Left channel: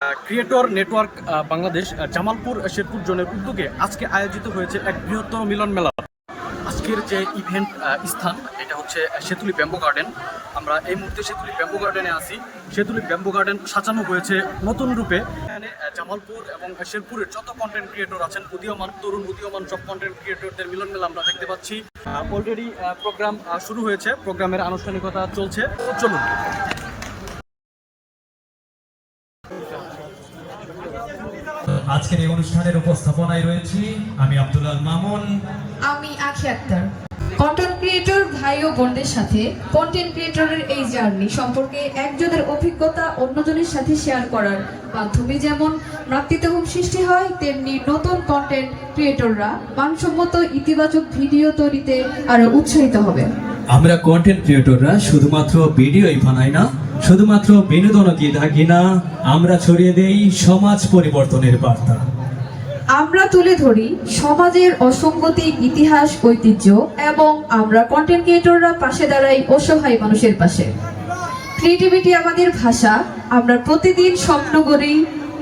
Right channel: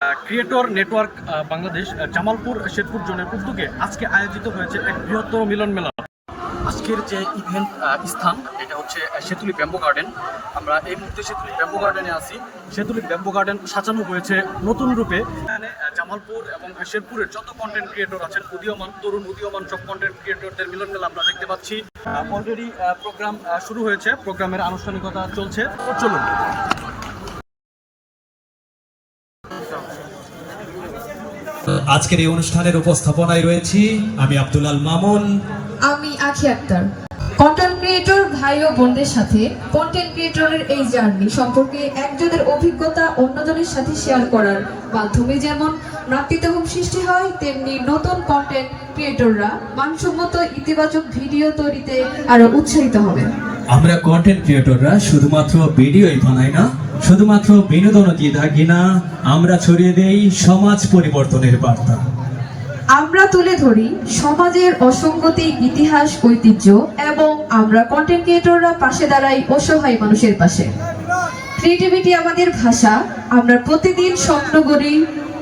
Creator network Bangladesh Jamalpur Sherpur জোনের উদ্যোগে আজকে আয়োজিত হয়েছে এক বৃহত্তর মিলন মেলা। আজকের যে ইভেন্ট স্থান এটা হচ্ছে সেতুলি ব্যাম্বো গার্ডেন। আমরা এই মুহূর্তে সেতুলি ব্যাম্বো গার্ডেনে আছি। সেতুলি ব্যাম্বো গার্ডেন সাজানো হয়েছে নতুন রূপে। এখানে জামালপুর এবং শেরপুরের যত কন্টেন্ট ক্রিয়েটর আছেন, উদীয়মান তরুণ উদীয়মান সব কন্টেন্ট ক্রিয়েটরদের মিলন মেলা আমরা দেখতে পাচ্ছি। অলরেডি প্রোগ্রাম শুরু হয়েছে, প্রোগ্রামের আনুষ্ঠানিকতা চলছে। চলুন। আজকের এই অনুষ্ঠানের উপস্থাপনায় রয়েছি আমি আব্দুল আল মামুন, আমি আখি আক্তার। কন্টেন্ট ক্রিয়েটর ভাই ও বোনদের সাথে কন্টেন্ট ক্রিয়েটরের এই জার্নি সম্পর্কে একজনের অভিজ্ঞতা অন্যজনের সাথে শেয়ার করার মাধ্যমে যেমন মাতৃত্ব সৃষ্টি হয়, তেমনি নতুন কন্টেন্ট ক্রিয়েটররা মানসম্মত ইতিবাচক ভিডিও তৈরিতে আরো উৎসাহিত হবে। আমরা কন্টেন্ট ক্রিয়েটররা শুধুমাত্র ভিডিওই বানাই না, শুধুমাত্র বিনোদনও দিয়ে থাকি না, আমরা ছড়িয়ে দেই সমাজ পরিবর্তনের বার্তা। আমরা তুলে ধরি সমাজের অসঙ্গতি, ইতিহাস, ঐতিহ্য এবং আমরা কন্টেন্ট ক্রিয়েটররা পাশে দাঁড়াই অসহায় মানুষের পাশে। ক্রিয়েটিভিটি আমাদের ভাষা। আমরা প্রতিদিন স্বপ্ন করি,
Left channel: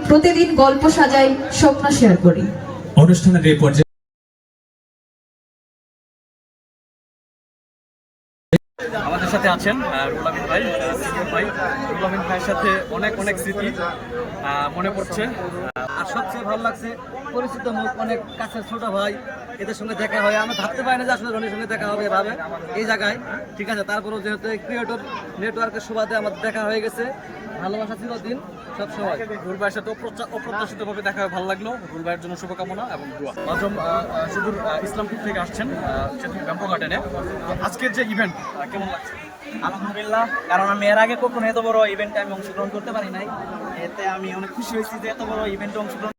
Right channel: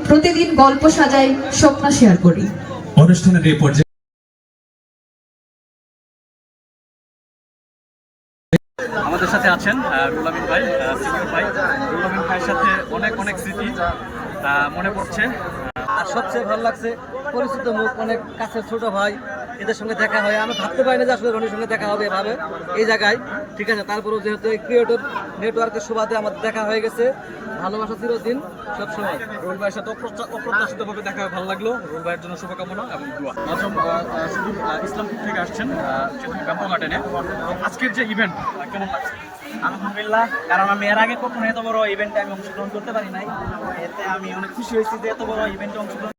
প্রতিদিন গল্প সাজাই, স্বপ্ন শেয়ার করি। অনুষ্ঠানের এই পর্যায়ে আমাদের সাথে আছেন রুহুল আমিন ভাই, সিদ্দিক ভাই। রুহুল আমিন ভাইয়ের সাথে অনেক অনেক স্মৃতি মনে পড়ছে। আর সবচেয়ে ভালো লাগছে পরিচিত মুখ, অনেক কাছের ছোট ভাই, এদের সঙ্গে দেখা হয়। আমরা ভাবতে পারি না যে আসলে রনির সঙ্গে দেখা হবে এভাবে এই জায়গায়, ঠিক আছে। তারপরেও যেহেতু এই ক্রিয়েটর নেটওয়ার্কের সুবাদে আমাদের দেখা হয়ে গেছে, ভালোবাসা চিরদিন সবসময়। রুহুল ভাইয়ের সাথে অপ্রত্যাশিতভাবে দেখা হয়ে ভালো লাগলো। রুহুল ভাইয়ের জন্য শুভকামনা এবং দোয়া। নাজম শুধু ইসলামপুর থেকে আসছেন সেতুলি ব্যাম্বো গার্ডেনে। আজকের যে ইভেন্ট কেমন লাগছে? আলহামদুলিল্লাহ, কারণ আমি এর আগে কখনো এত বড় ইভেন্টে আমি অংশগ্রহণ করতে পারি নাই। এতে আমি অনেক খুশি হয়েছি যে এত বড় ইভেন্টে অংশগ্রহণ